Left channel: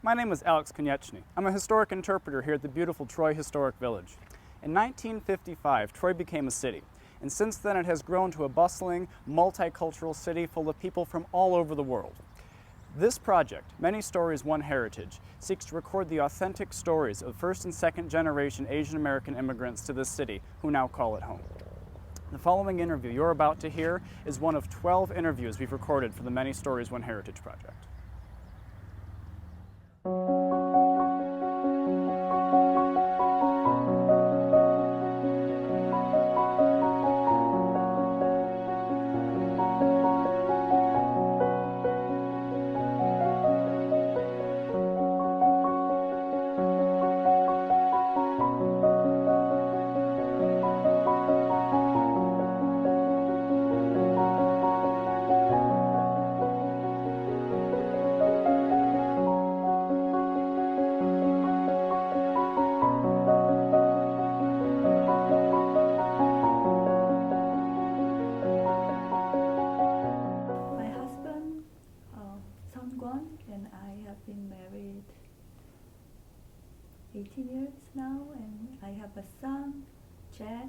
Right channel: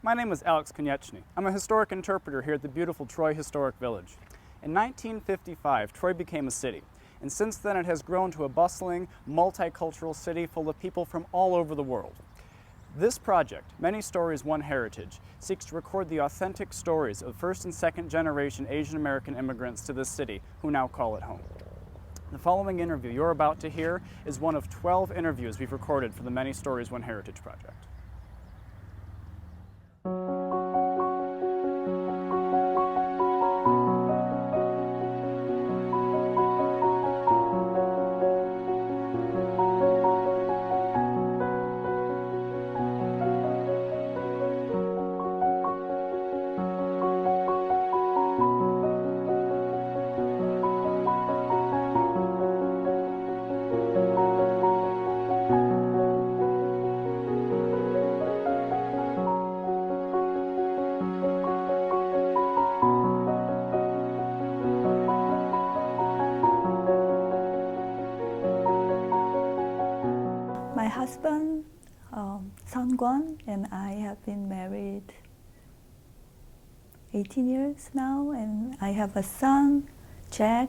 My name is Alex Konieczny. I'm a historic interpreter here at the beautiful Troy Historic Village. In 1955, Troy became a city, and since then it has grown to a bustling, multicultural city full of people from all over the world. This project, Many Stories, One Heritage, seeks to record the authentic stories of first and second generation Asian American immigrants to this city who now call it home. The following interview you're about to hear is one of 12 interviews we've recorded for the Many Stories, One Heritage project. My husband, Sun Kwon, and I have been married 18 years now, and I have a son, Jack,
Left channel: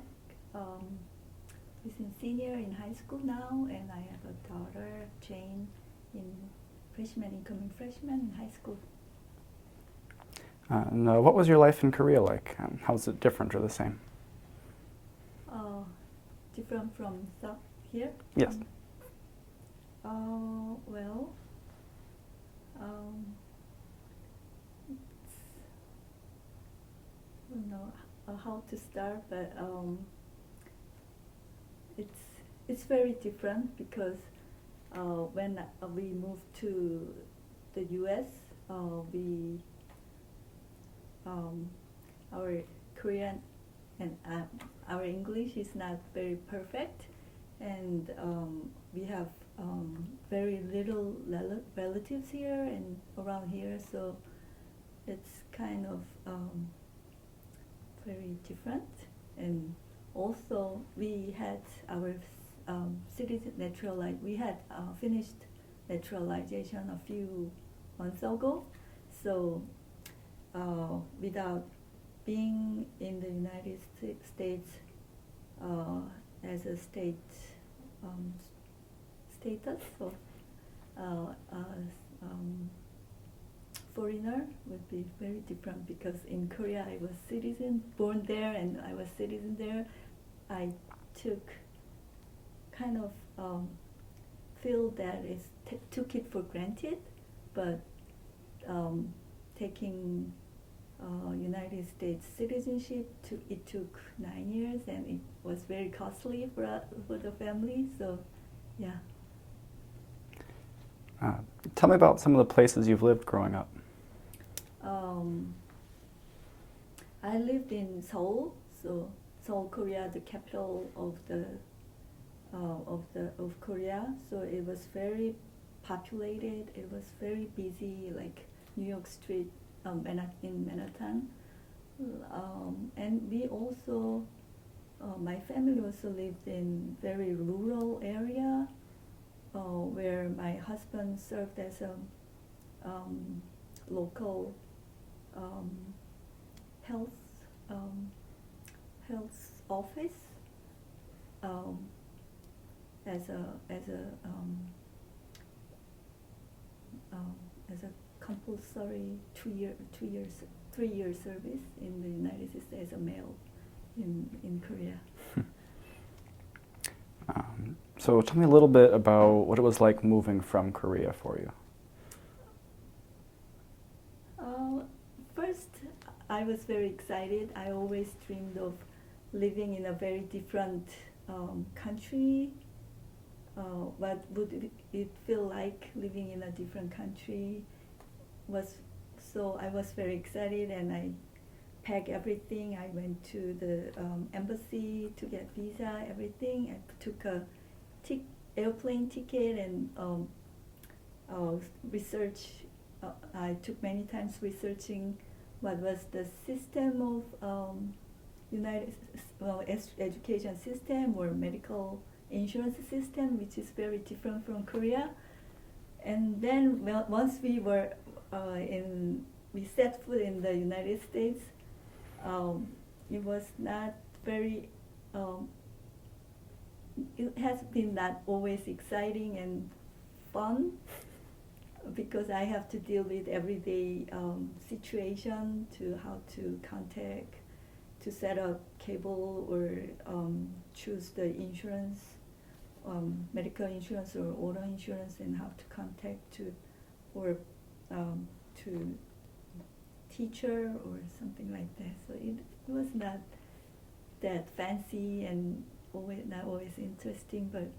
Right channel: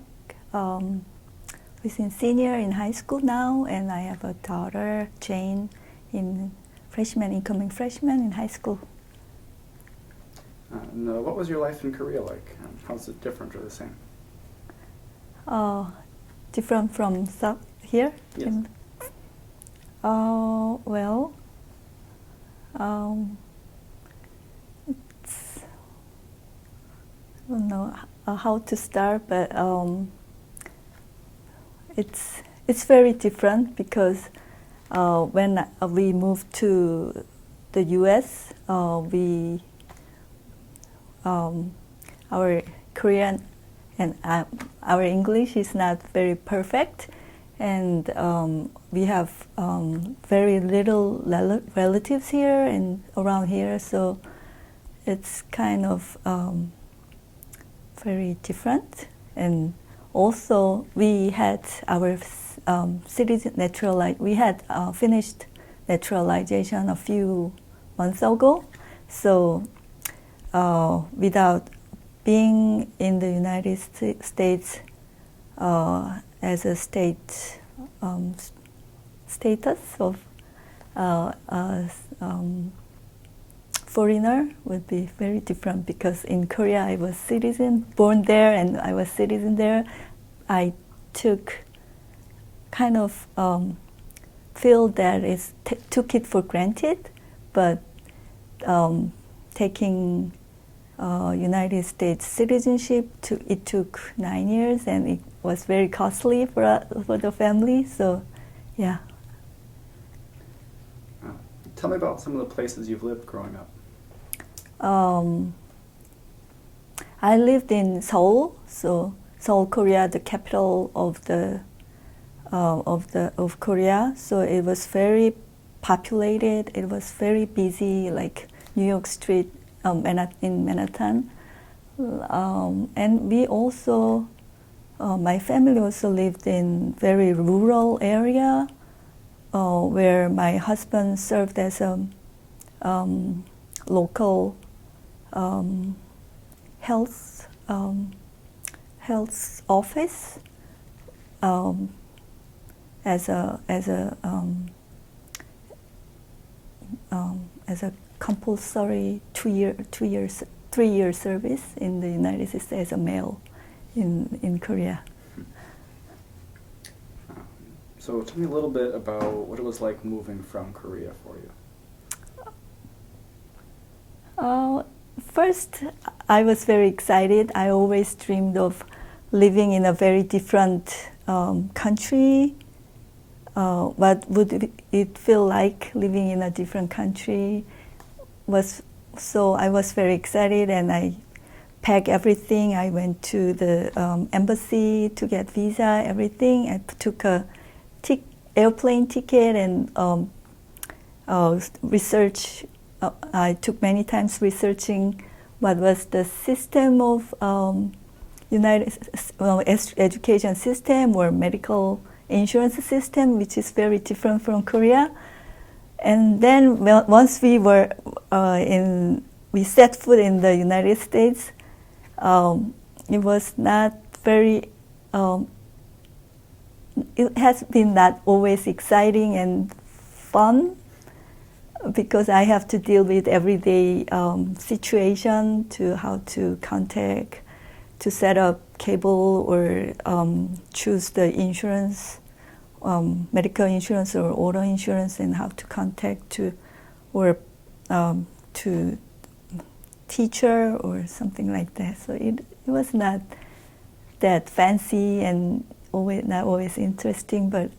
who's in senior in high school now, and I have a daughter, Jane, incoming freshman in high school. What was your life in Korea like? How's it different or the same? Different from here? Yes. Well, I don't know how to start, but it's very different because when we moved to the U.S., our Korean and our English is not very perfect, and we have very little relatives here and around here, so it's kind of very different. And also, we had our we had finished naturalization a few months ago, so without being in the United States as a status of foreigner would be very different, because in Korea I was born there, and I was citizen there. I took feel that took it for granted, but taking United States citizenship, it took 9 years, and it was very costly for the family. So, yeah. Tell me about some of the places you've lived growing up. I lived in Seoul, so Seoul, Korea, the capital of Korea. So it was very populated. It was very busy, like New York Street in Manhattan. And we also, my family also lived in very rural area, where my husband served as a local health office, as a compulsory 3-year service in the United States as a male in Korea. So tell me a little bit about what it was like moving from Korea for you. First, I was very excited. I always dreamed of living in a very different country. What would it feel like living in a different country? So I was very excited, and I packed everything. I went to the embassy to get visa, everything. I took a airplane ticket and research. I took many times researching what was the system of education system or medical insurance system, which is very different from Korea. And then once we were we set foot in the United States, it was not very, it has been not always exciting and fun because I have to deal with everyday situation to how to contact, to set up cable or choose the insurance, medical insurance or auto insurance, and how to contact to teacher or something like that. So it was not that fancy and not always interesting, but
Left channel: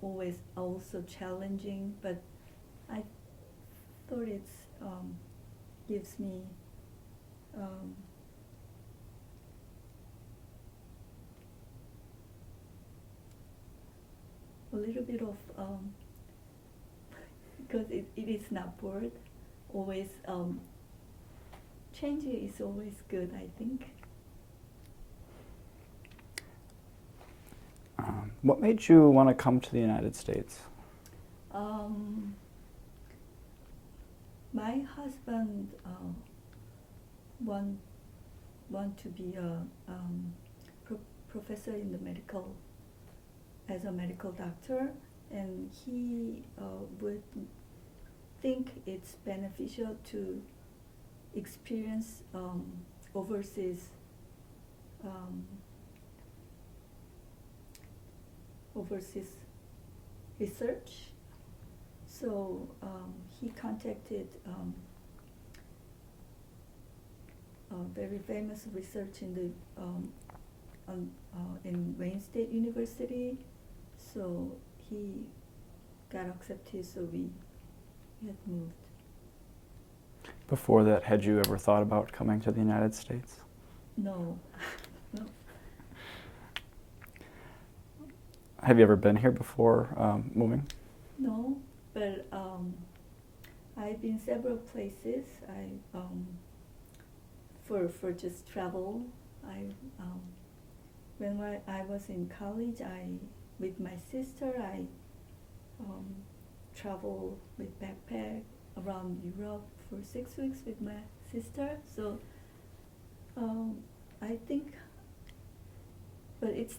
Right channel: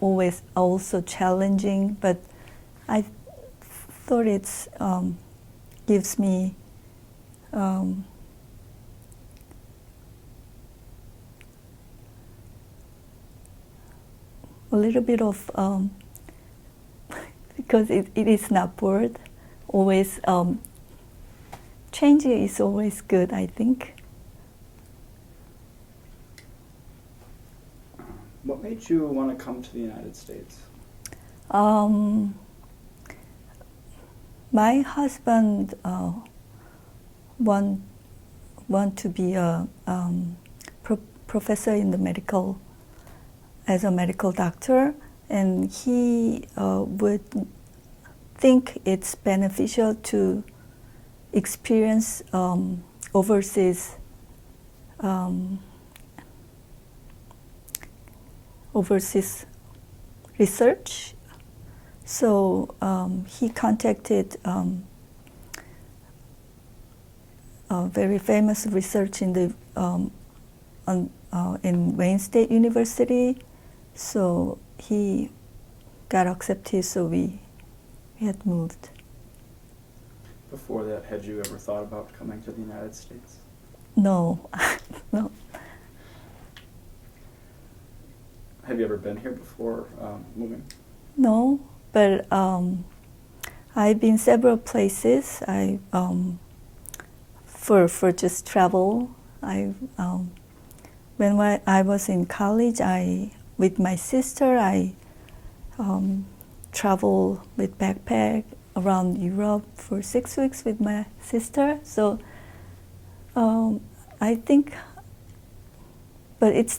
always also challenging. But I thought it's gives me a little bit of because it is not bored. Always changing is always good, I think. What made you want to come to the United States? My husband want to be a professor in the as a medical doctor, and he would think it's beneficial to experience overseas research. So he contacted a very famous research in the in Wayne State University. So he got accepted. So we had moved. Before that, had you ever thought about coming to the United States? No, no. Have you ever been here before moving? No, but I've been several places. For just travel. When I was in college, with my sister, I traveled with backpack around Europe for 6 weeks with my sister. So I think, but it's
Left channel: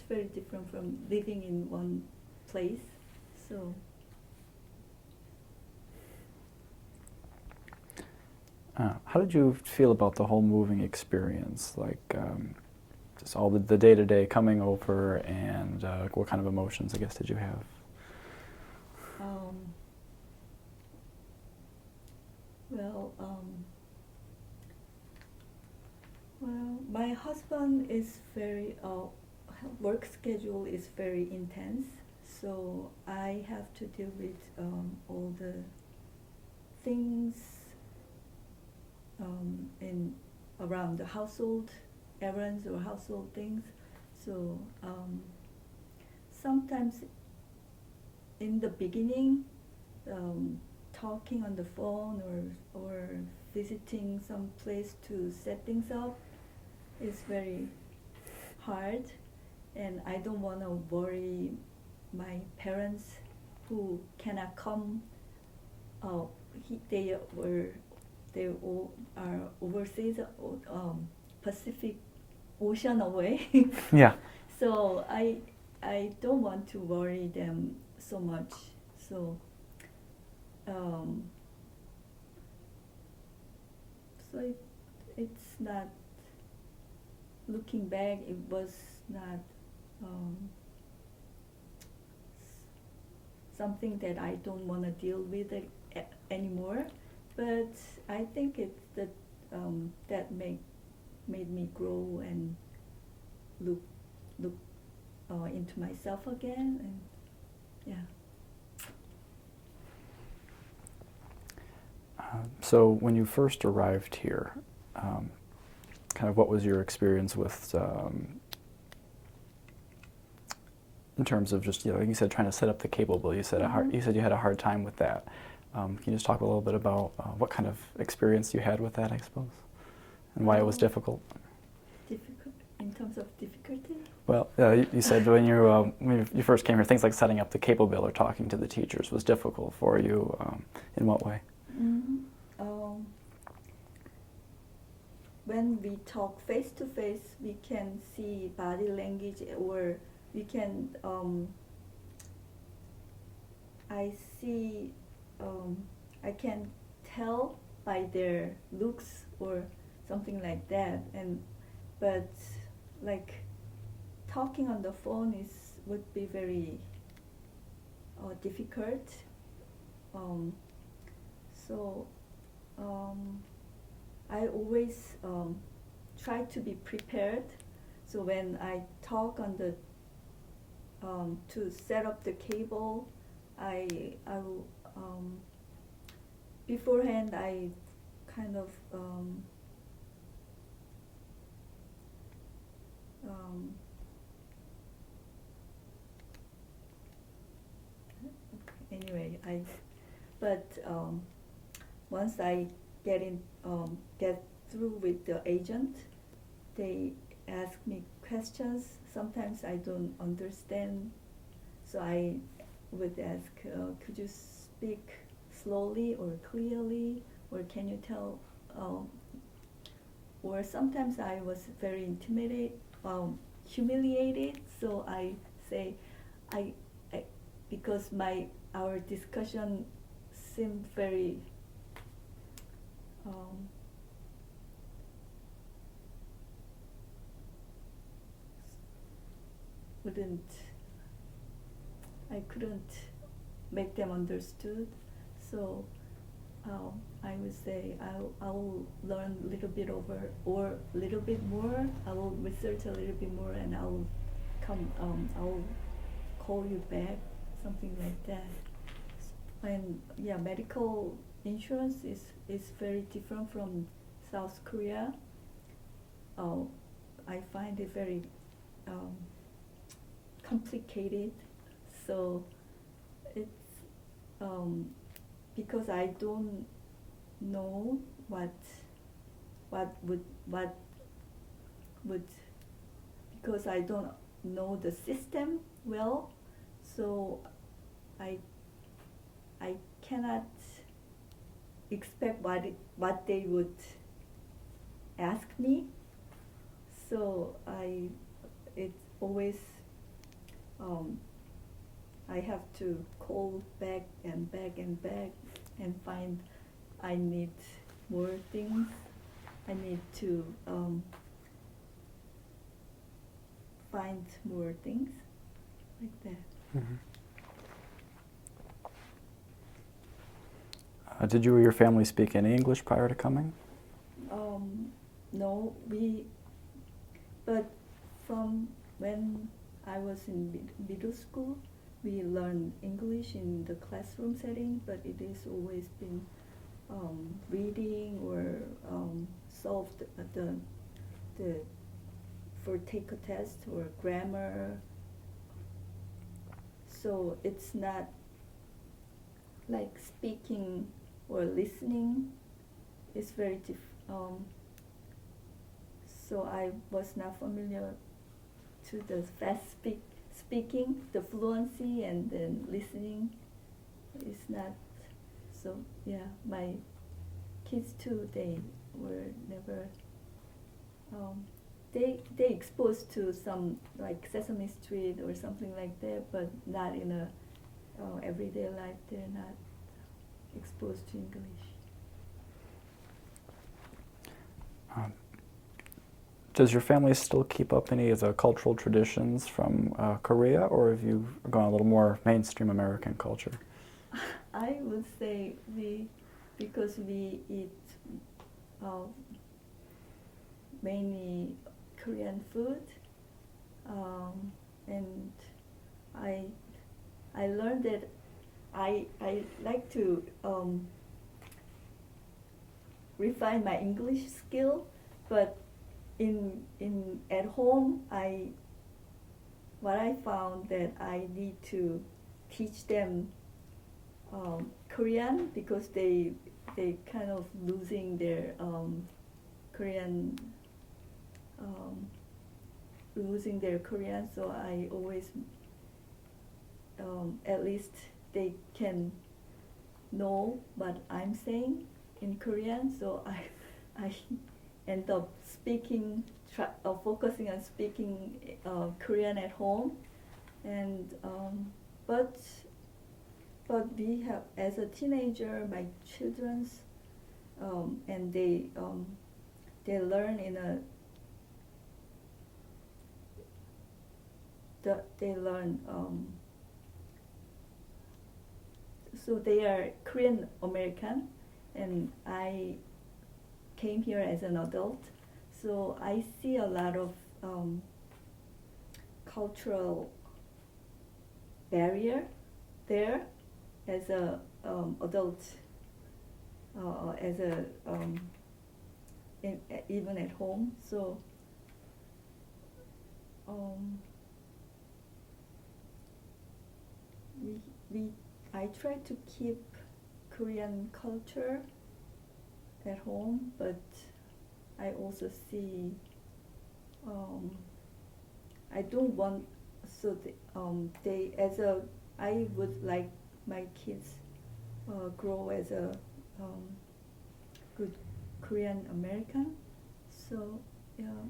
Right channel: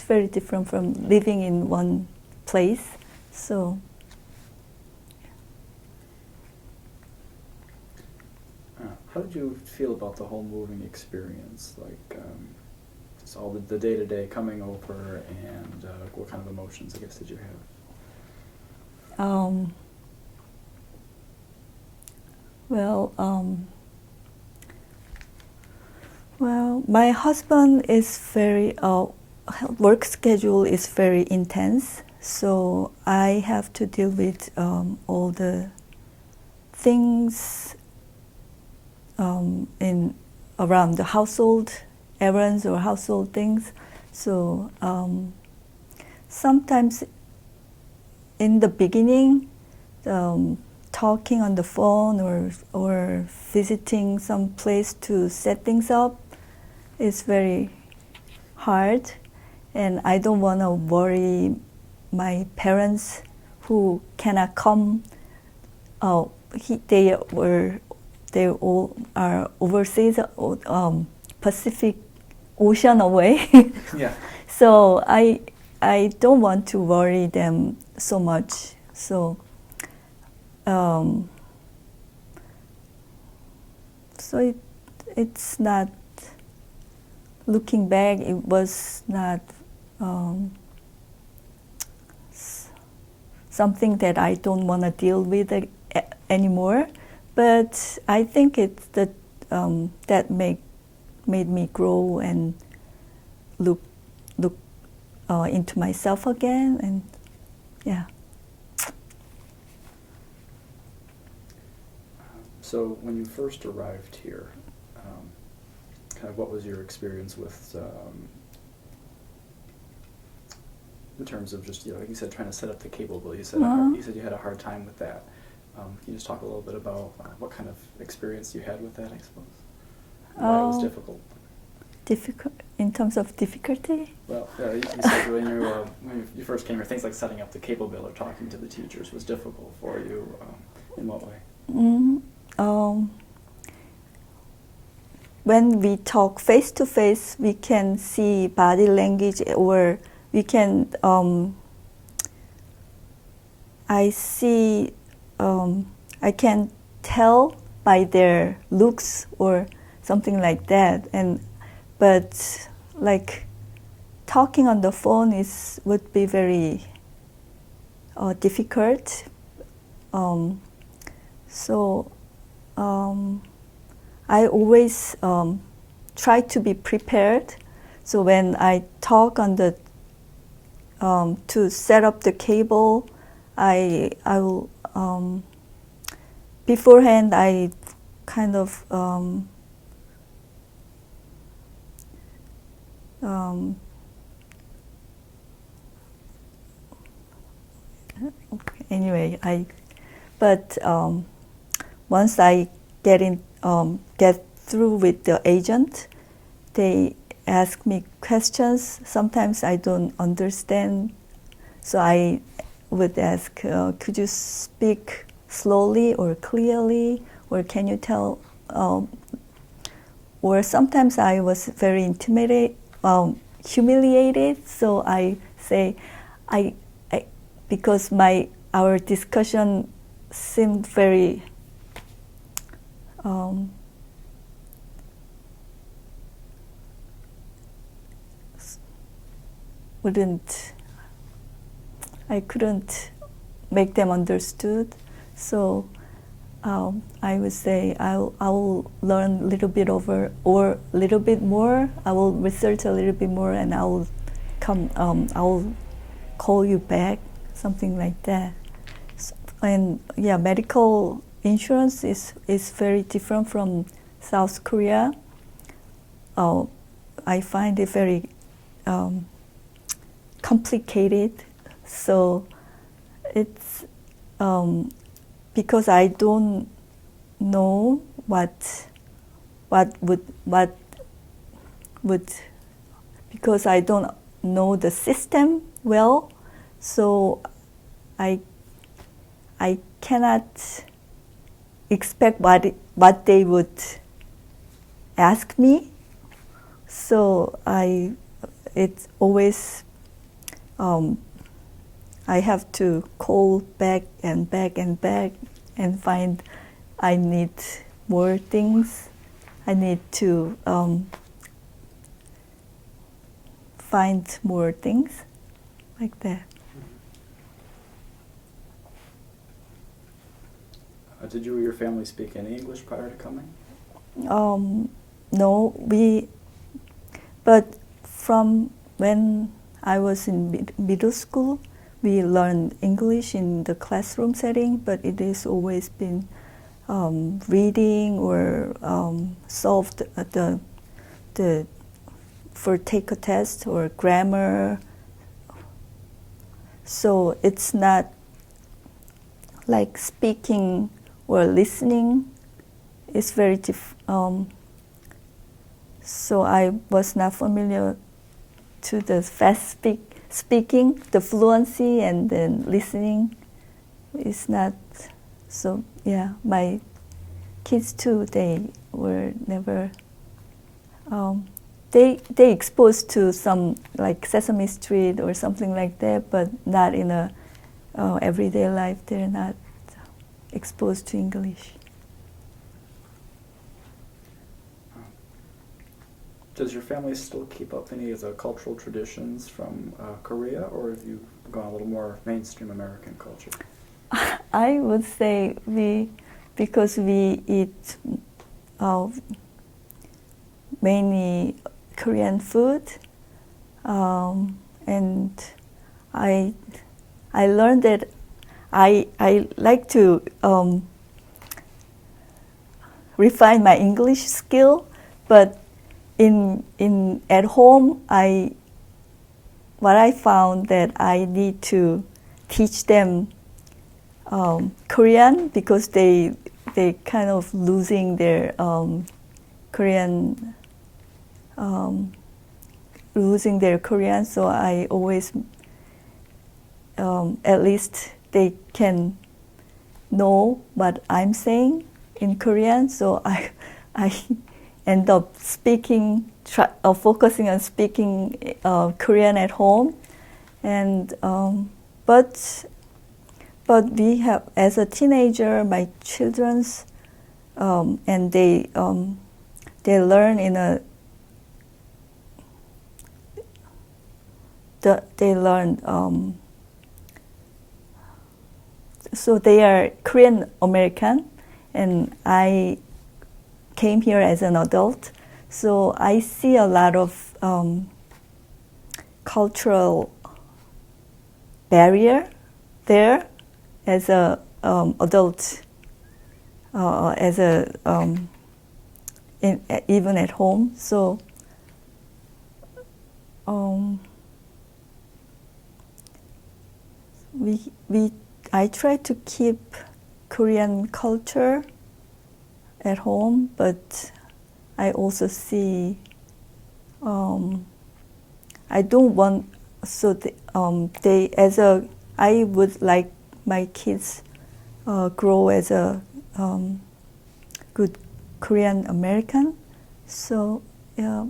very different from living in one place. So how did you feel about the whole moving experience? Like just all the day-to-day coming over, and what kind of emotions, I guess, did you have? Well, my husband is very work schedule is very intense, so I have to deal with all the things around the household errands or household things. So sometimes in the beginning, talking on the phone or visiting some place to set things up is very hard, and I don't want to worry my parents who cannot come. They all are overseas, Pacific Ocean away. Yeah. So I don't want to worry them so much. So so it's not, looking back, it was not something that I don't want to deal with anymore. But I think it's that made me grow and look into myself again, and yeah. So when you first arrived here, kind of what was your experience with, in terms of just, you said trying to set up the cable bill. You said you said you had a hard time with that. Can you just talk a little bit about what kind of experience you had with that, I suppose, and why it was difficult? difficult in terms of difficulty. Well, you said when you first came here, things like setting up the cable bill or talking to the teachers was difficult for you. In what way? When we talk face to face, we can see body language, or we can. I can tell by their looks or something like that. But like talking on the phone would be very difficult. I always try to be prepared. So when I talk on the to set up the cable, I will beforehand I kind of anyway once I get through with the agent, they ask me questions. Sometimes I don't understand, so I would ask, could you speak slowly or clearly, or can you tell? Or sometimes I was very humiliated, so I say, because our discussion seemed very I couldn't make them understood. So I would say I will learn a little bit or a little bit more. I will research a little bit more, and I will call you back, something like that. And yeah, medical insurance is very different from South Korea. I find it very complicated. So it's because I don't know what would because I don't know the system well, so I cannot expect what they would ask me. So it's always I have to call back and back and back and find I need more things. I need to find more things like that. Mm-hmm. Did you or your family speak any English prior to coming? No, but from when I was in middle school, we learned English in the classroom setting, but it has always been reading or solved for take a test or grammar. So it's not like speaking or listening. It's very so I was not familiar to the fast speaking, the fluency, and then listening is not. So yeah, my kids too, they were never, they exposed to some like Sesame Street or something like that, but not in a everyday life. They're not exposed to English. Does your family still keep up any of the cultural traditions from Korea, or have you gone a little more mainstream American culture? I would say because we eat mainly Korean food, and I learned that I like to refine my English skill, but at home what I found that I need to teach them Korean, because they kind of losing their Korean losing their Korean, so I always, at least they can know what I'm saying in Korean. So I end up focusing on speaking Korean at home, and but we have, as a teenager, my children's and they learn in a they learn so they are Korean American, and I came here as an adult, so I see a lot of cultural barrier there as a adult, as a even at home. So I try to keep Korean culture at home, but I also see I don't want, so they as a, I would like my kids grow as a good Korean American. So yeah.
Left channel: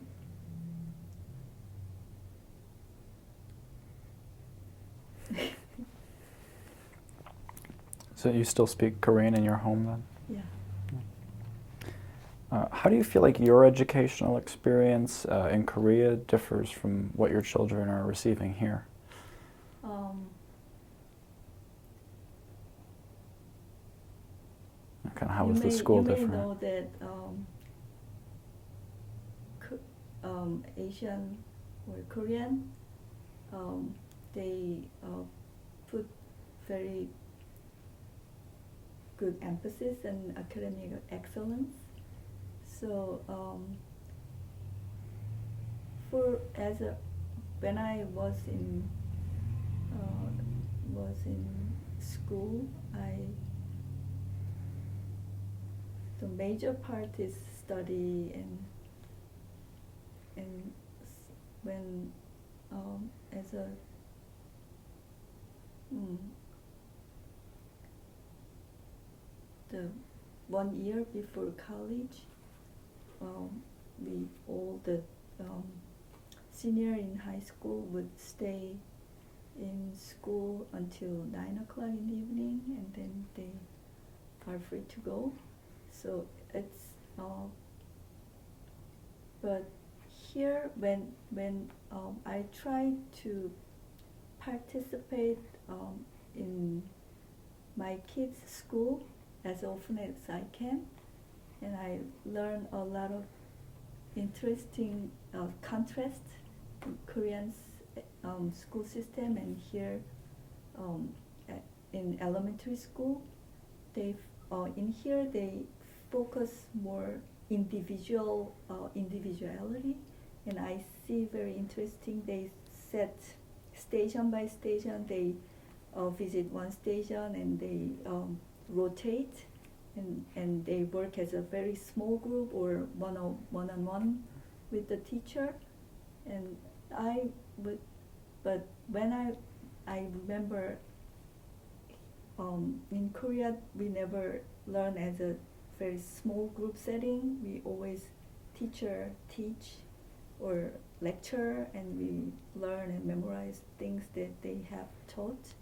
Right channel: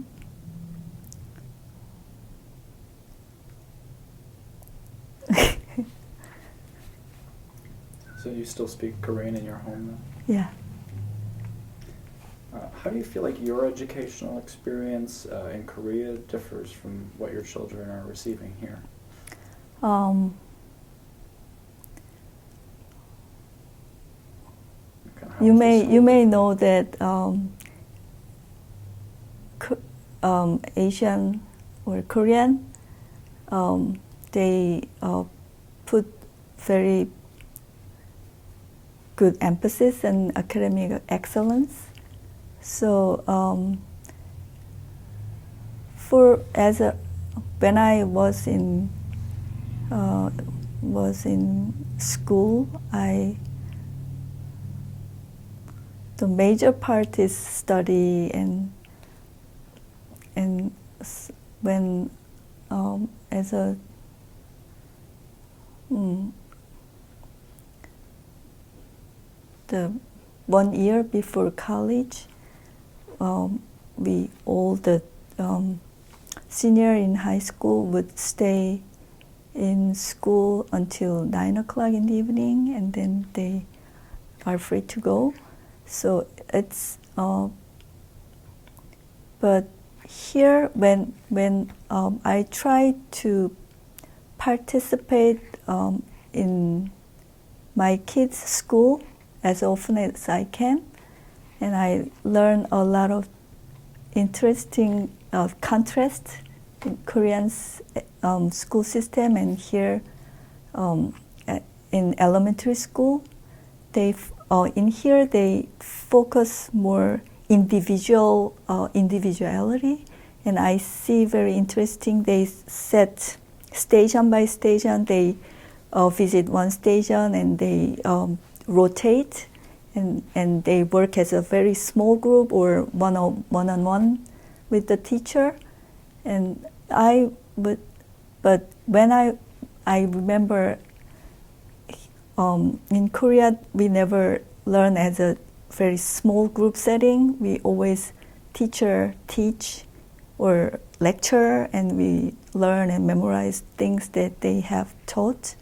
So you still speak Korean in your home then? Yeah. How do you feel like your educational experience in Korea differs from what your children are receiving here? You may know that Asian or Korean, they put very good emphasis on academic excellence. So when I was in school, the major part is study, and when as a the 1 year before college, we all the senior in high school would stay in school until 9 o'clock in the evening, and then they are free to go. So it's but here when I try to participate in my kids' school as often as I can, and I learn a lot of interesting contrast in Korean's school system and here in elementary school. In here they focus more individuality, and I see very interesting. They set station by station. They visit one station and they rotate, and they work as a very small group or one-on-one with the teacher. And but when I remember in Korea, we never learn as a very small group setting. We always teacher teach or lecture, and we learn and memorize things that they have taught.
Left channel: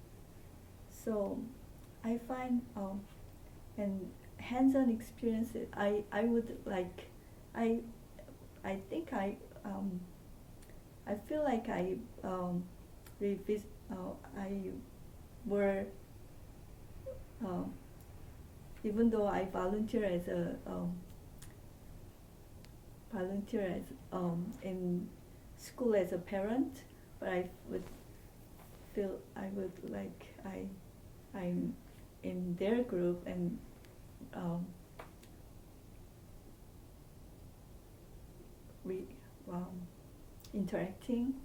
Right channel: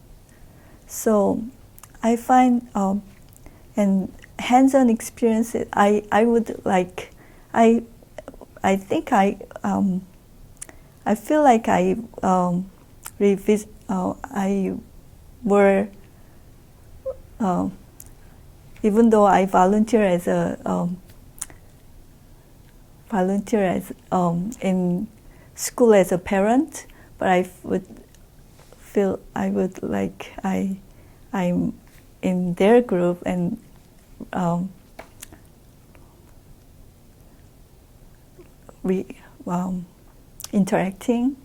So I find and hands-on experience, I would like, I think I feel like I were even though I volunteer as in school as a parent, but I would feel I would like I'm in their group and interacting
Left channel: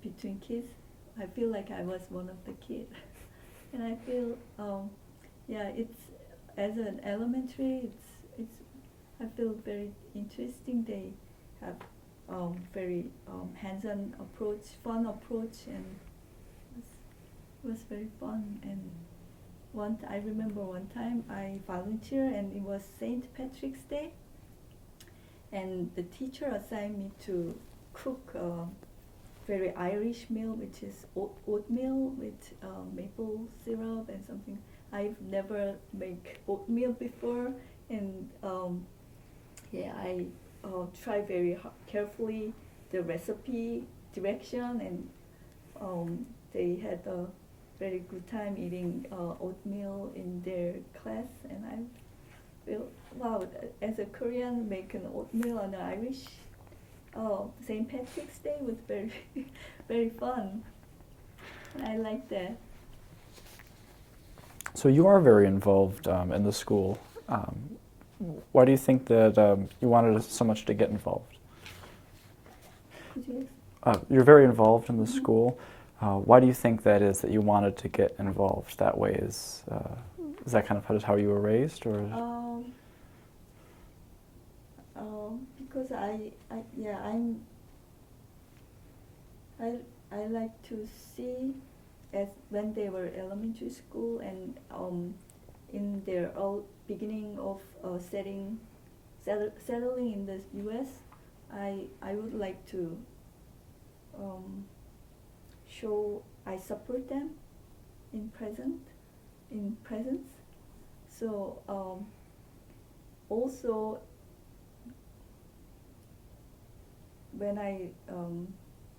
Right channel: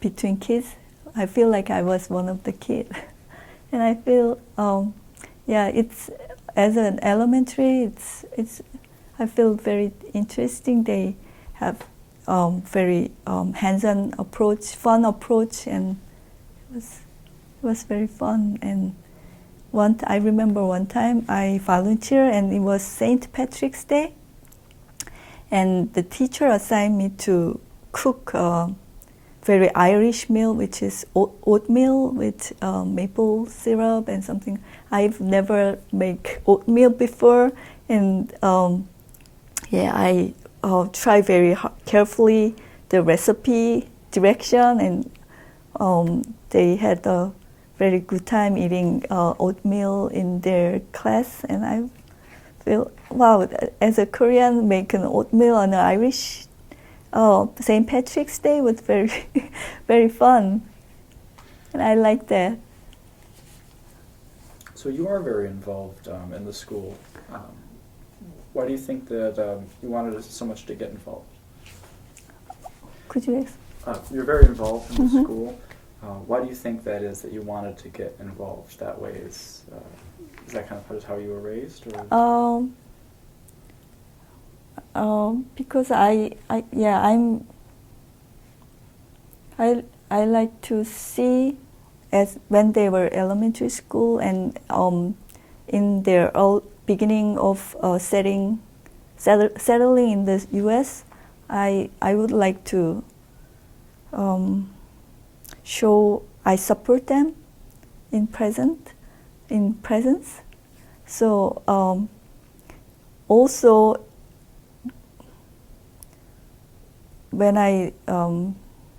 between kids. I feel like I was one of the kids, and I feel it's as an elementary. It's I feel very interesting. They have very hands-on approach, fun approach, and it was very fun. And I remember one time I volunteered, and it was St. Patrick's Day, and the teacher assigned me to cook a very Irish meal, which is oatmeal with maple syrup and something. I've never made oatmeal before, and I try very carefully the recipe direction, and they had a very good time eating oatmeal in their class, and I feel, wow, as a Korean, making oatmeal on an Irish St. Patrick's Day was very, very fun, and I like that. So you are very involved in the school. Why do you think that you wanted so much to get involved? Could you ask? You're very involved in the school. Why do you think that is, that you wanted to get involved that way? Is that kind of how you were raised, or? Because I like to see, as when they were elementary school and in their beginning of settling in the U.S., I would like to show I support them in presence. So also, when I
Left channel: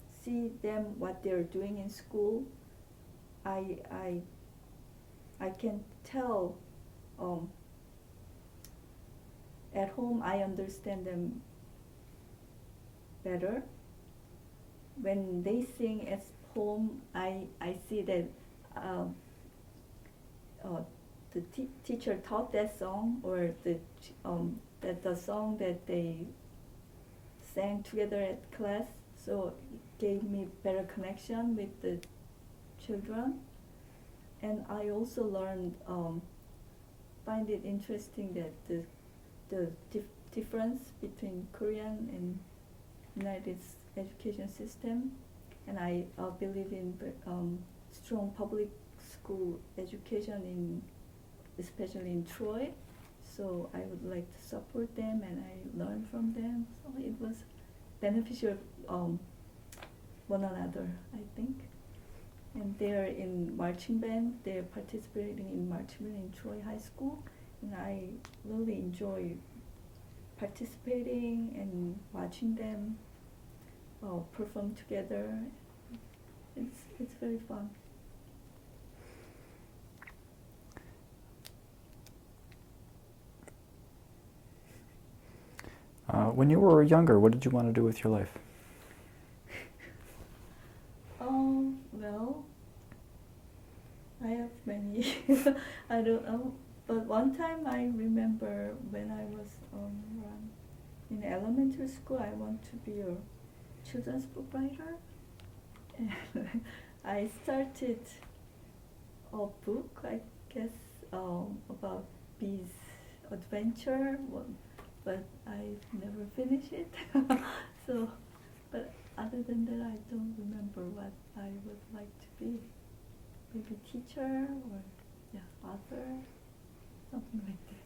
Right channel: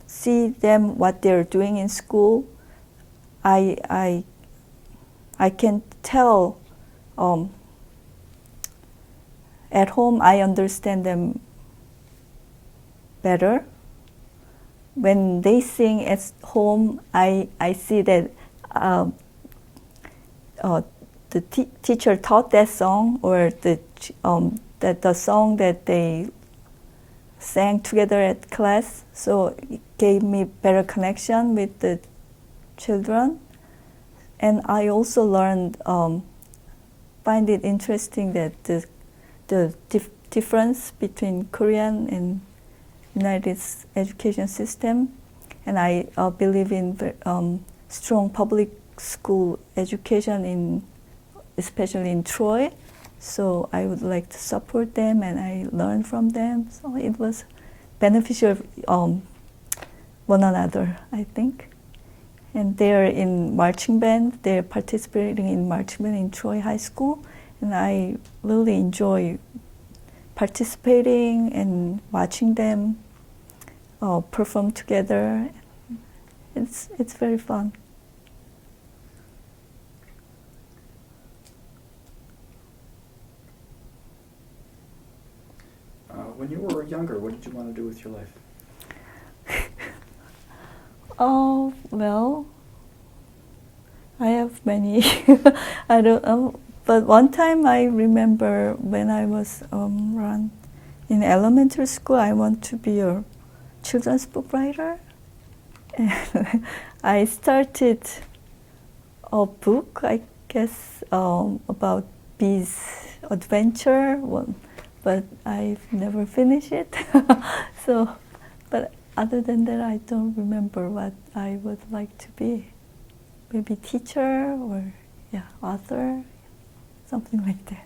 see them what they're doing in school, I can tell at home I understand them better. When they sing at home, I see that the teacher taught that song, or that the song that they sang together at class, so it gave me better connection with the children. And I also learned, find it interesting that the difference between Korean and United education system, and I believe in strong public school education, especially in Troy. So I would like to support them, and I learn from them. So it was beneficial one another, I think. And they're in marching band. They're participating in marching band in Troy High School, and I really enjoy participating and watching them perform together. It's very fun. When you were younger, what did you want to do with your life? Oh, well, I have many. I don't know. But one time I remember when I was in elementary school, I want to be a children's book writer. And I started a book, I guess, about bees adventure, but I've never finished it. So, but other than that, I don't remember what I would like to be. Maybe teacher or author, something like that.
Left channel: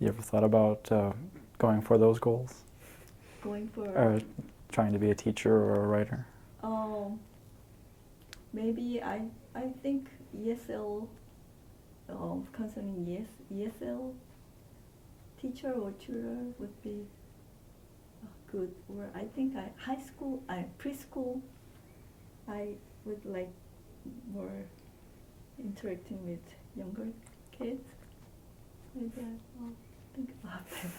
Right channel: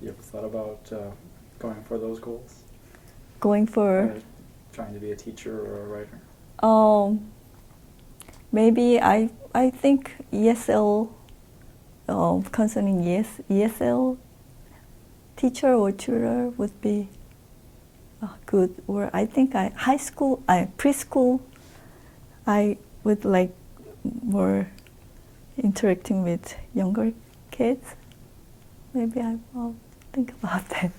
You ever thought about going for those goals? Going for trying to be a teacher or a writer? Maybe I think ESL, concerning ESL teacher or tutor would be good. Or I think high school, preschool, I would like more interacting with younger kids. Maybe I'll think about that.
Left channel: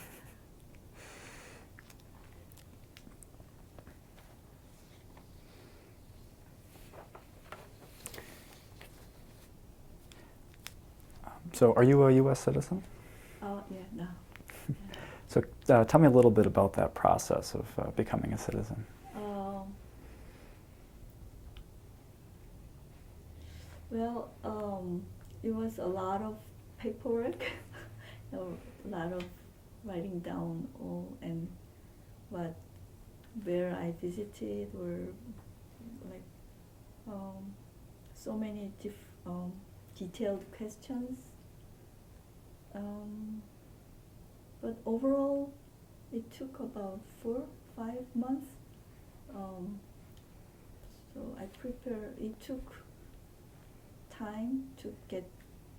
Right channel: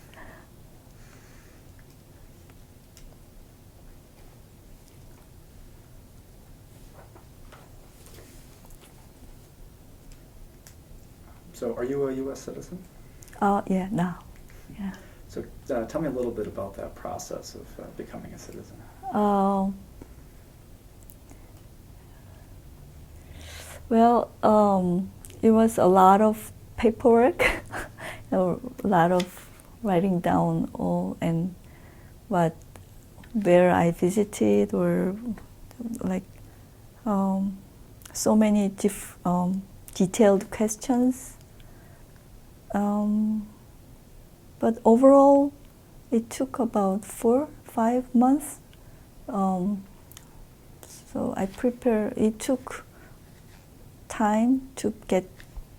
So are you a U.S. citizen? Yeah, now. Yeah. So tell me a little bit about that process of becoming a citizen. Well, it was a lot of paperwork, a lot of writing down all and what where I visited, or like so many detailed questions. But overall, it took about 4-5 months. So I prepare. It took time to get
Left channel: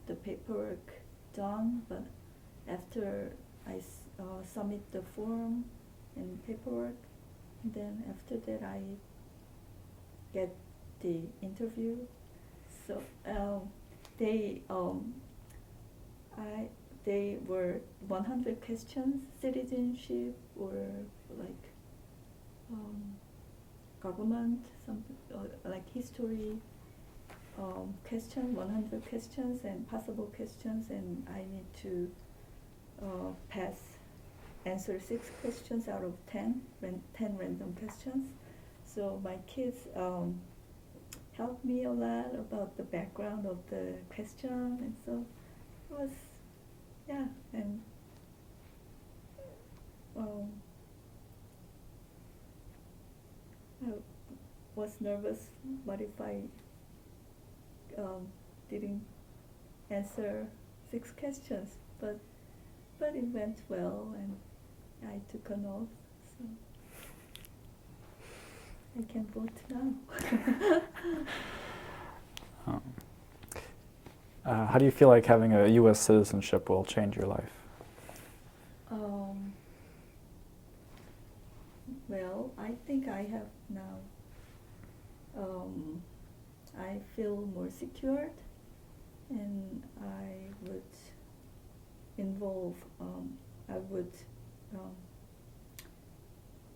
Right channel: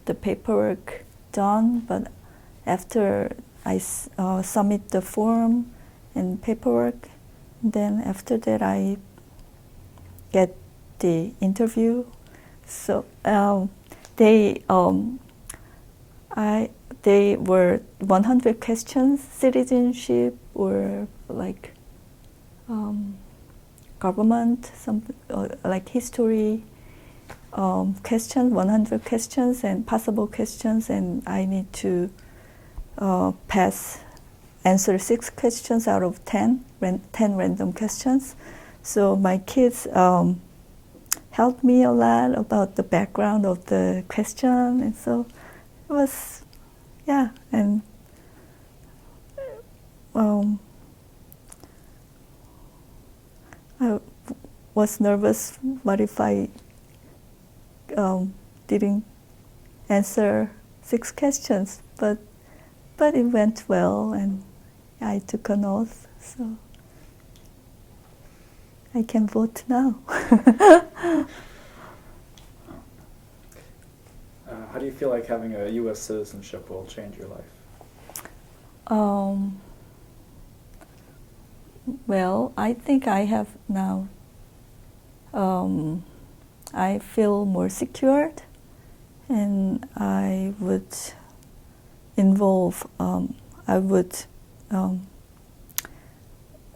the paperwork done, but after I submit the form and paperwork, then after that I get the interview. So they were 100 questions, citizenship or like government, some like history questions, 100 questions and possible questions, and I need to answer 6 questions out of 10 random questions. So my kids helped me a lot about the background of the question, and so it was, yeah, and I was nervous. What if I didn't answer 6 questions? But it went well, and I took an oath, so I can vote now. How do you feel like having a U.S. citizenship will change your life? Well, I think I have now. I feel more secured, and I would involve. I would,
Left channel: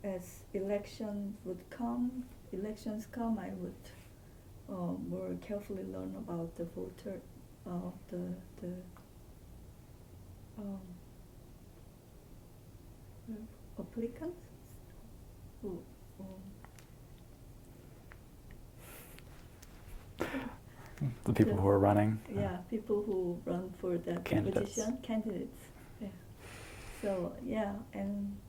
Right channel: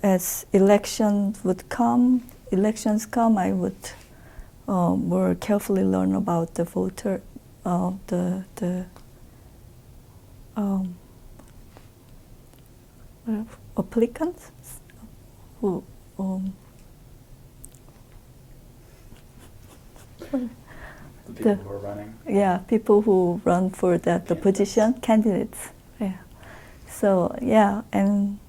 as elections come, I would more carefully learn about the voter, the applicants who. The people who are running? Yeah, people who run for the position, candidates. Yeah. So, yeah, and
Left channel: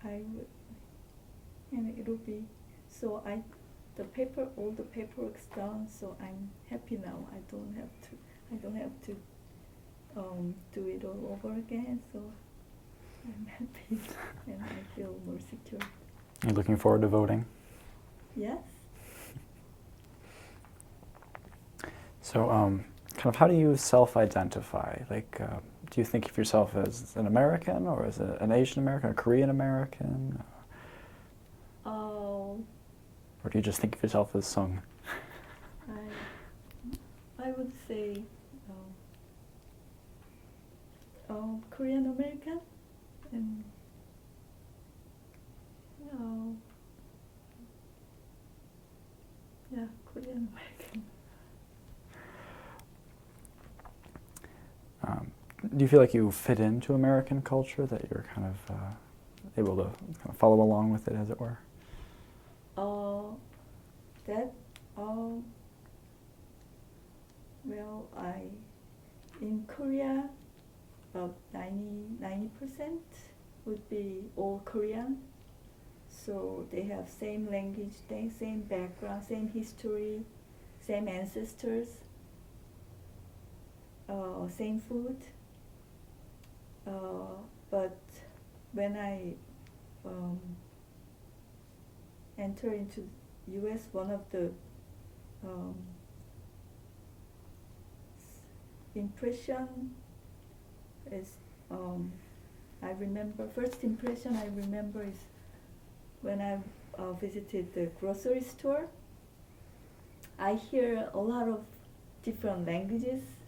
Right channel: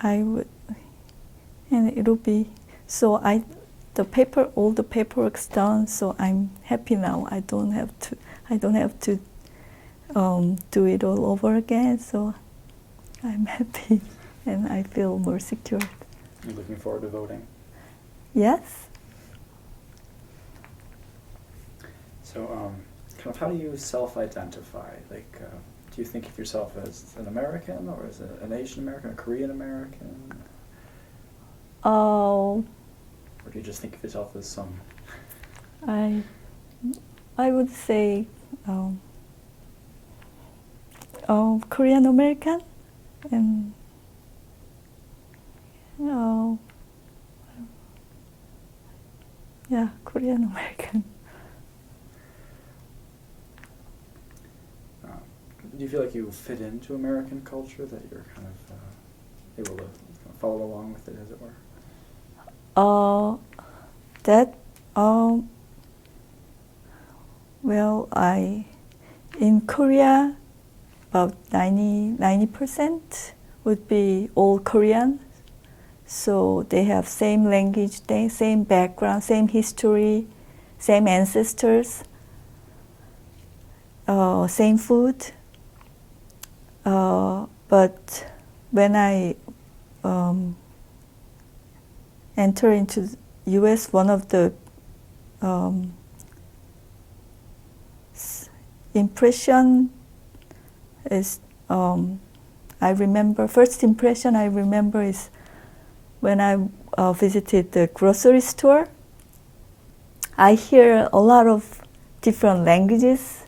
I would, and it'll be, so all the paperwork's done, so I'm happy now. I don't have to do it all over again, so I'm happy and I feel more secure. You're looking forward to voting? Yes. So, kind of, how do you self-identify? Like, do you think of yourself as an American, or as an Asian American, a Korean American? Or do you just think of yourself as some? I would say Korean American, and yeah, Korean American. Do you feel like you fit into American culture, that you're kind of able to follow along with it, as it were? Well, in Korea, about 90% would be all Korean. So they have same language, same background, same history, same ancestors, same food. But when I enter into the U.S., one of the impression is, first impression I remember is when I visited the grocery store. I hear a lot of different languages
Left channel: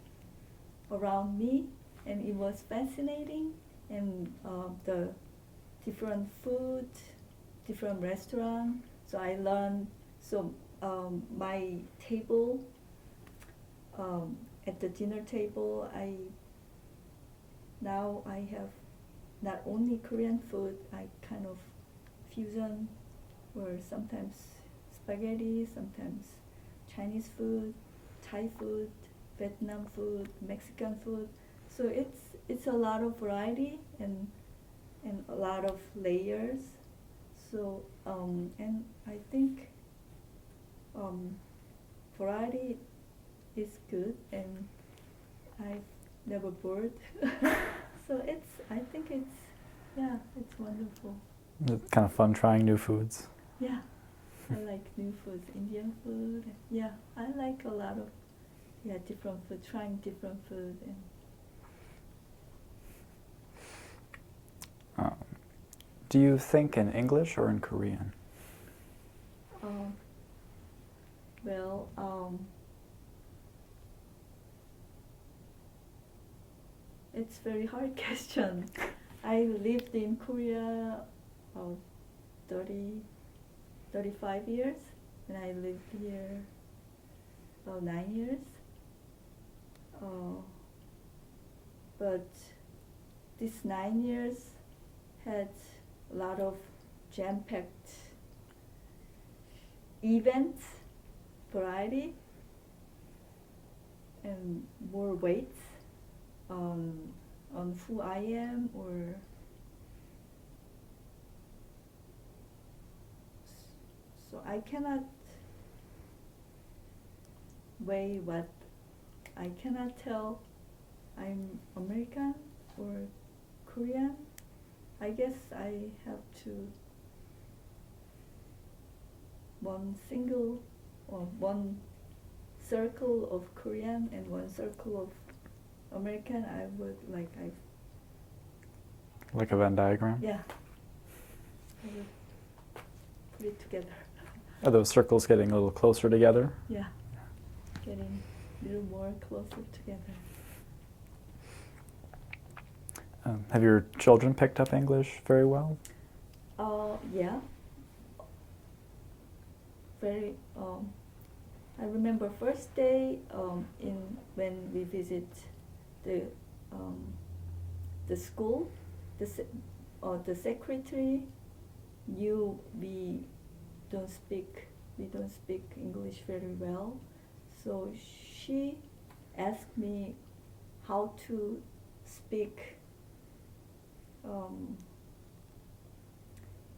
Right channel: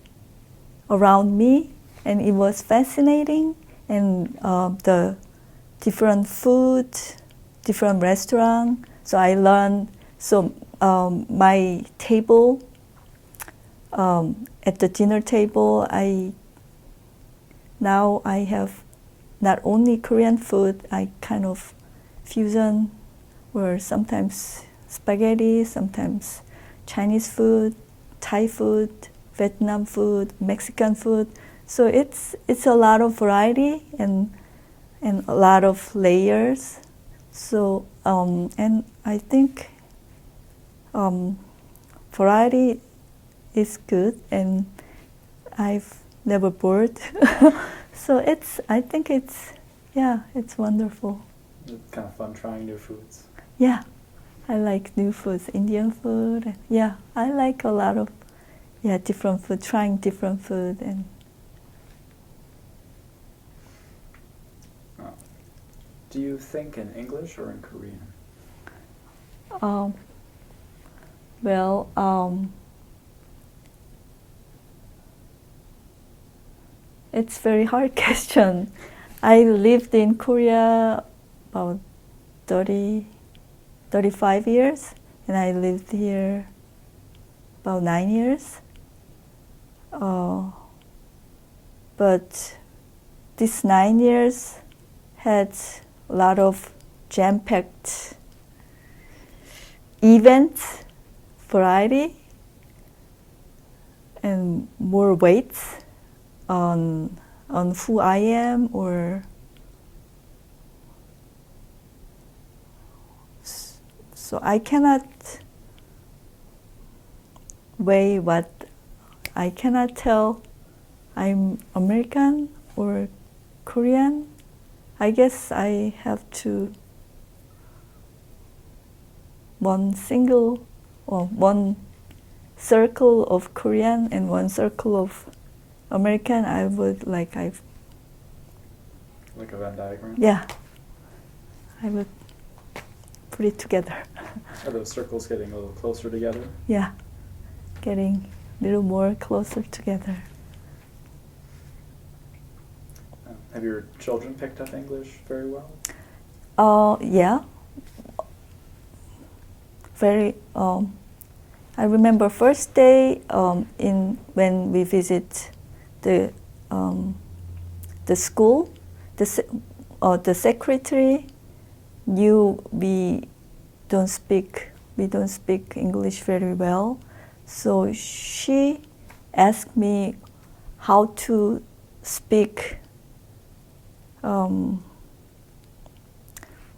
around me, and it was fascinating. And the different food, different restaurant. So I learned. So my table, at the dinner table, now I have not only Korean food. I kind of fusion, where sometimes spaghetti, sometimes Chinese food, Thai food, Vietnam food, Mexican food. So it's a lot of variety and a lot of layers. So, and I think variety is good, and I've never bored. So I think it's wonderful. It's kind of fun trying new foods. Yeah, I like new foods, Indian food. Yeah, I like a lot of different food, trying different food. And Do you think in English or in Korean? well, it's very hard question. I lived in Korea about 35 years, and I lived here about 9 years. But these 9 years had a lot of jam-packed events, variety, and more weight on who I am, or so I cannot weigh what I cannot tell I'm American or Korean. I guess I have to one circle of Korean and one circle of American. I would like a Venn diagram? Yeah, I would put it together. Are those circles getting a little closer together? Yeah, getting a little more closer together. Have your children picked up English very well? Yeah. Very. I remember first day when we visit the school, the secretary knew we don't speak English very well, so she asked me how to speak.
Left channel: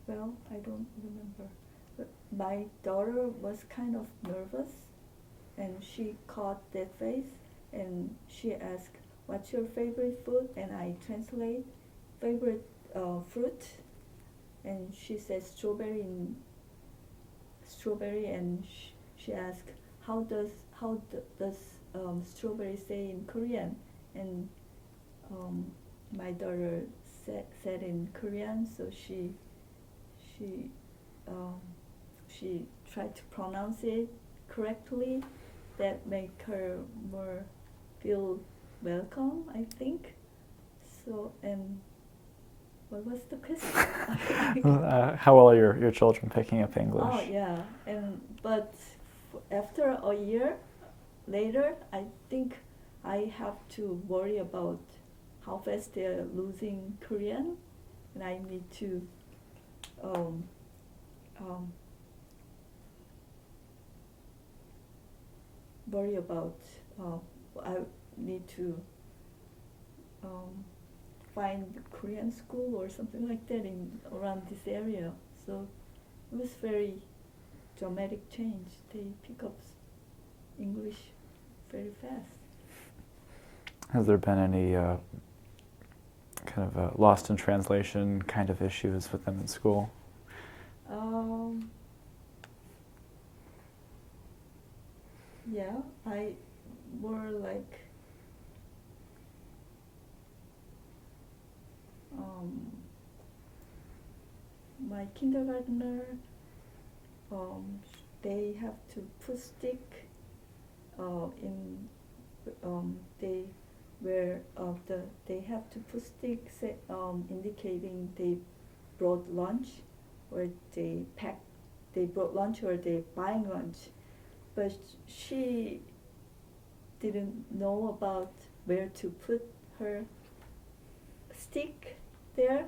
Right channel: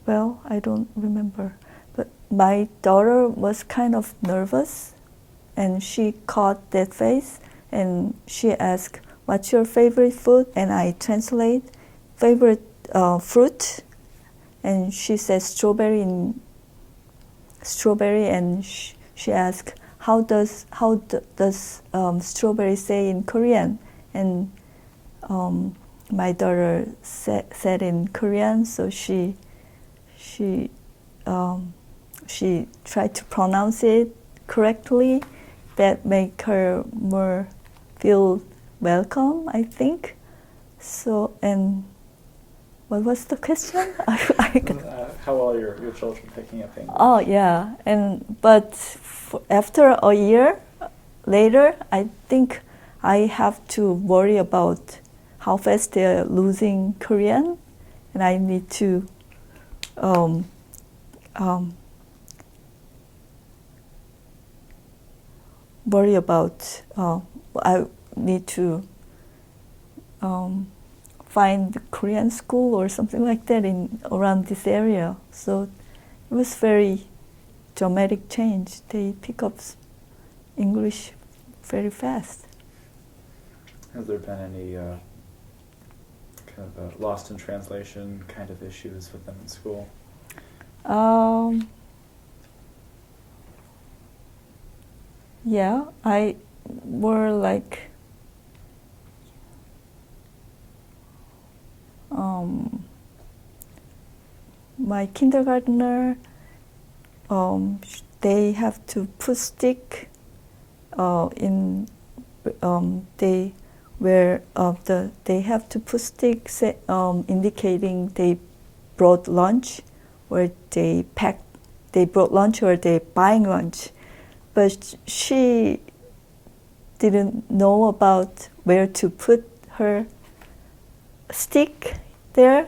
Well, I don't remember, but my daughter was kind of nervous, and she caught that face, and she asked, "What's your favorite food?" And I translate, "Favorite fruit," and she says strawberry, and she asked, how does strawberry say in Korean? And my daughter said in Korean, so she tried to pronounce it correctly. That make her more feel welcome, I think. So, and what was the question? How well are your children picking up English? Oh yeah, but after a year later, I think I have to worry about how fast they're losing Korean, and I need to worry about. I need to find Korean school or something like that around this area. So it was very dramatic change. They pick up English very fast. Has there been any kind of lost in translation kind of issues with them in school? Yeah, I were like my kindergartner. They have to put stick in. They have to put stick indicating they brought lunch, or they brought lunch, or they buying lunch. But she didn't know about where to put her stick there.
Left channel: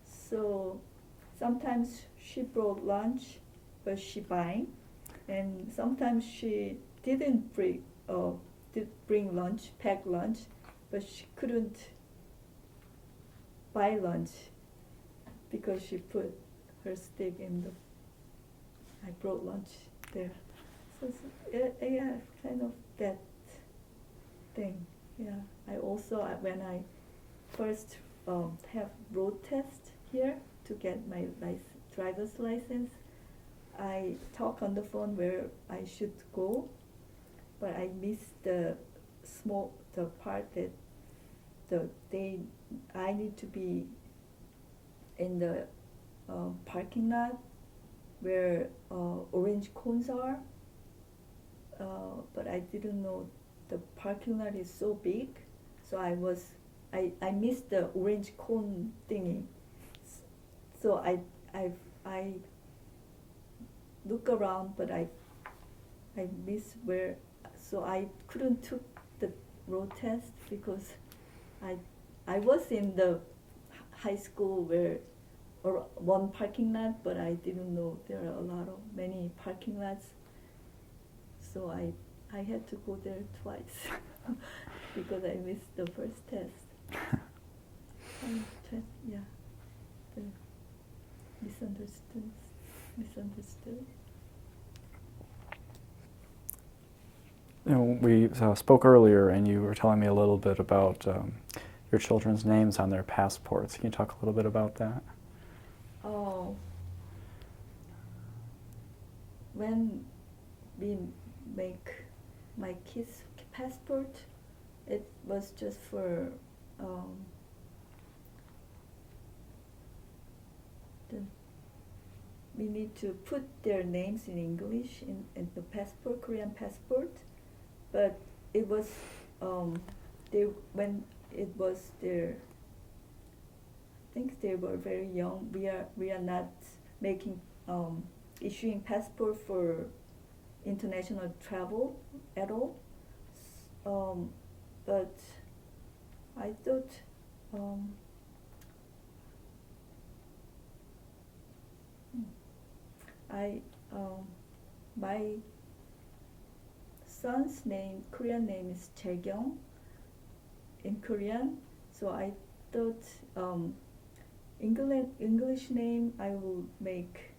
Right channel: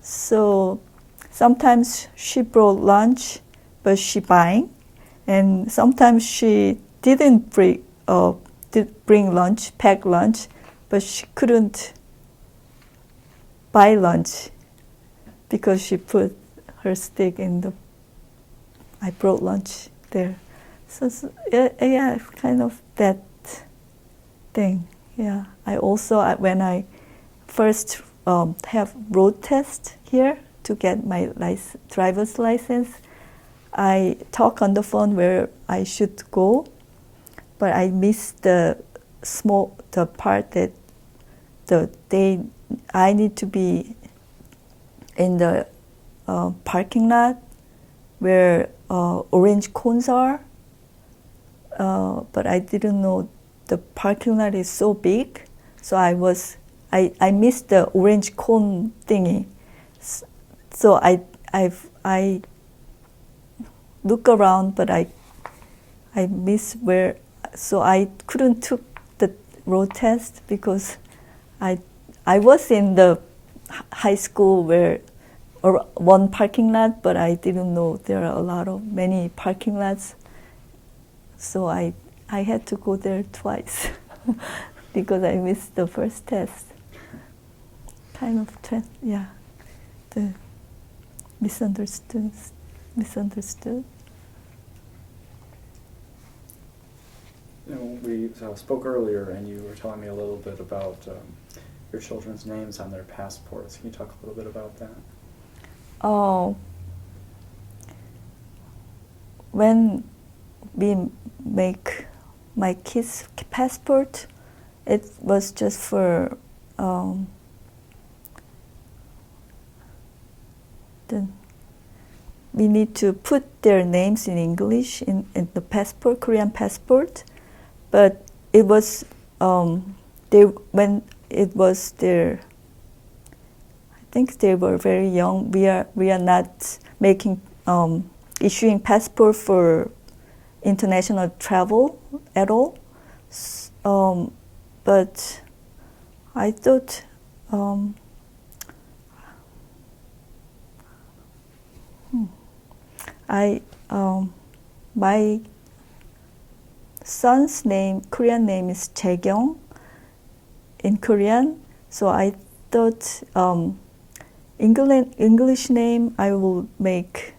So sometimes she brought lunch, but she buying, and sometimes she didn't bring lunch, pack lunch, but she couldn't buy lunch because she put her stick in the. I brought lunch there, so yeah, kind of that thing. Yeah, I also when I first have road test here to get my driver's license, I talk on the phone where I should go, but I missed the part that I need to be in the parking lot where orange cones are, but I didn't know the parking lot is so big, so I missed the orange cone thingy. So I look around, but I miss where, so I couldn't took the road test because I was in the high school where one parking lot, but I didn't know there are many parking lots. So I had to go there twice because I missed the first test. Kind of, the misunderstood. You know, we spoke earlier, and you were telling me a little bit about your children's names on their passports. Can you talk a little bit about that? Oh, when we make my kids' passport, it was just for we need to put their names in English in the passport, Korean passport, but it was when it was their, I think they were very young. We are not making issuing passport for international travel at all. But I thought my son's name, Korean name is Jaekyung in Korean, so I thought English name I will make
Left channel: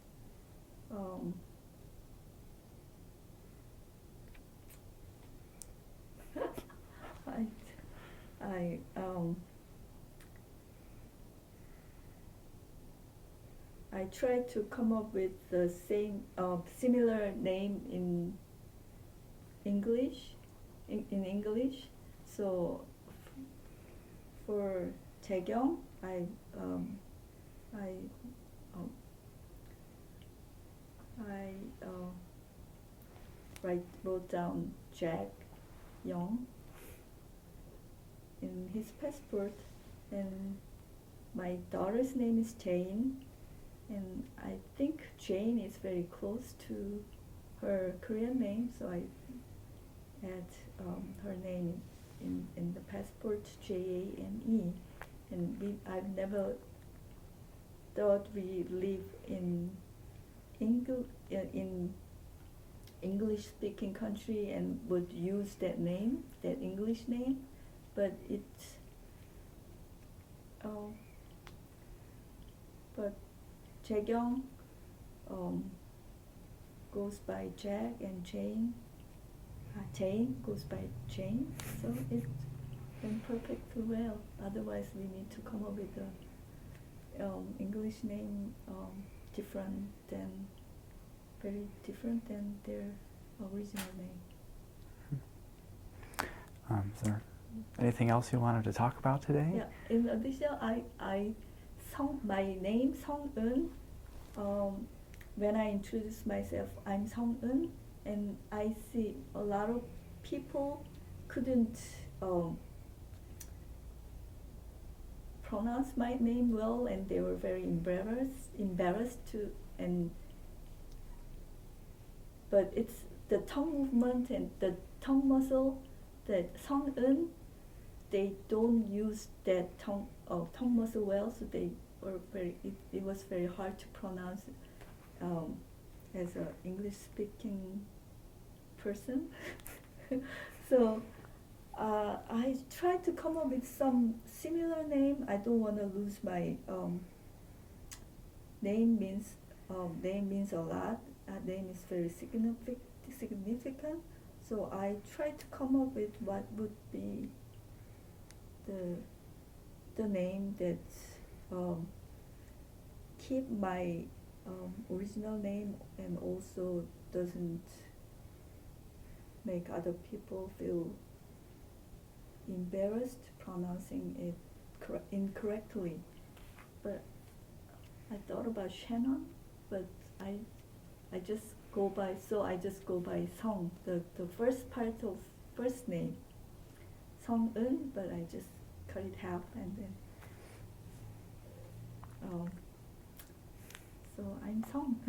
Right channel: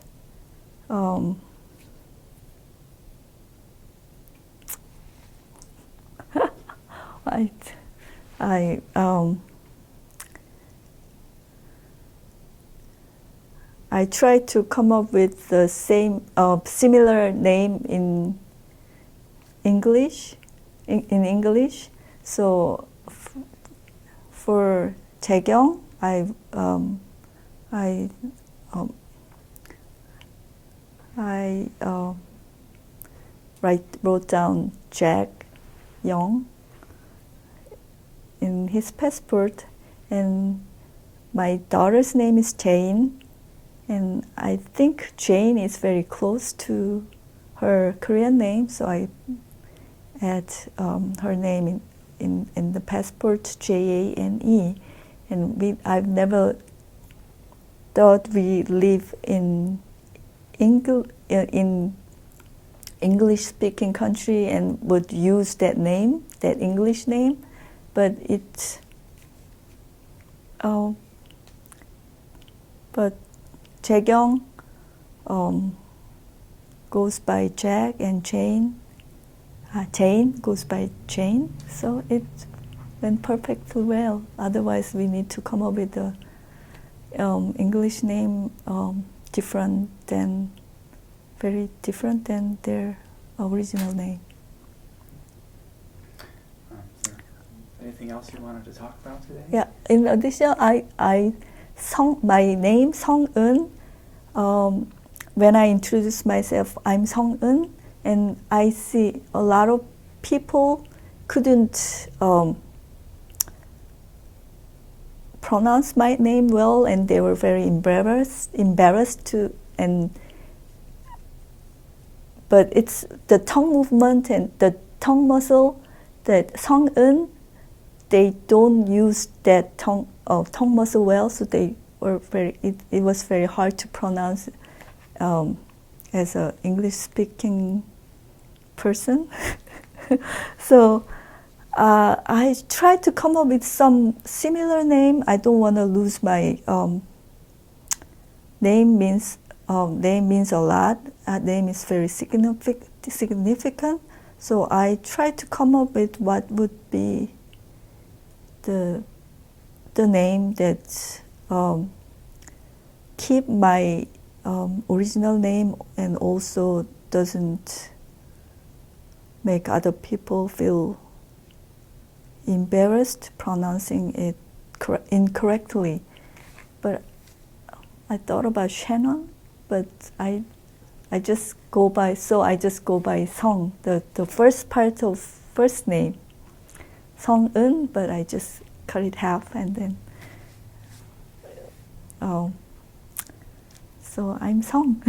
I tried to come up with the same similar name in English. In English, so for Jaekyung, I wrote down Jack Young in his passport, and my daughter's name is Jane, and I think Jane is very close to her Korean name, so I add her name in the passport, Jane, and I've never thought we live in English-speaking country and would use that name, that English name, but but Jaekyung goes by Jack, and Jane goes by Jane, so it went perfectly well. Otherwise, we need to come up with a English name very different than their original name. Is there anything else you wanted to talk about today? Yeah. In addition, my name Sung-eun. When I introduce myself, I'm Sung-eun, and I see a lot of people couldn't pronounce my name well, and they were very embarrassed to. But it's the tongue movement and the tongue muscle that Sung-eun, they don't use that tongue muscle well, so they were it was very hard to pronounce as an English-speaking person. So I tried to come up with some similar name. I don't want to lose my name means a lot. Name is very significant. So I try to come up with what would be the name that keep my original name and also doesn't make other people feel embarrassed pronouncing it incorrectly. But I thought about Shannon, but I just go by Song, the first part of first name, Song Eun, but I just cut it half and then so I'm Song.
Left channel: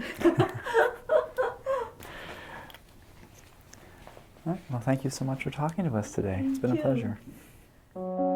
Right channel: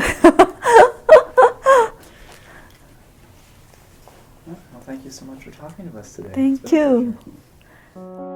Well, thank you so much for talking to us today. Thank It's been a you. pleasure.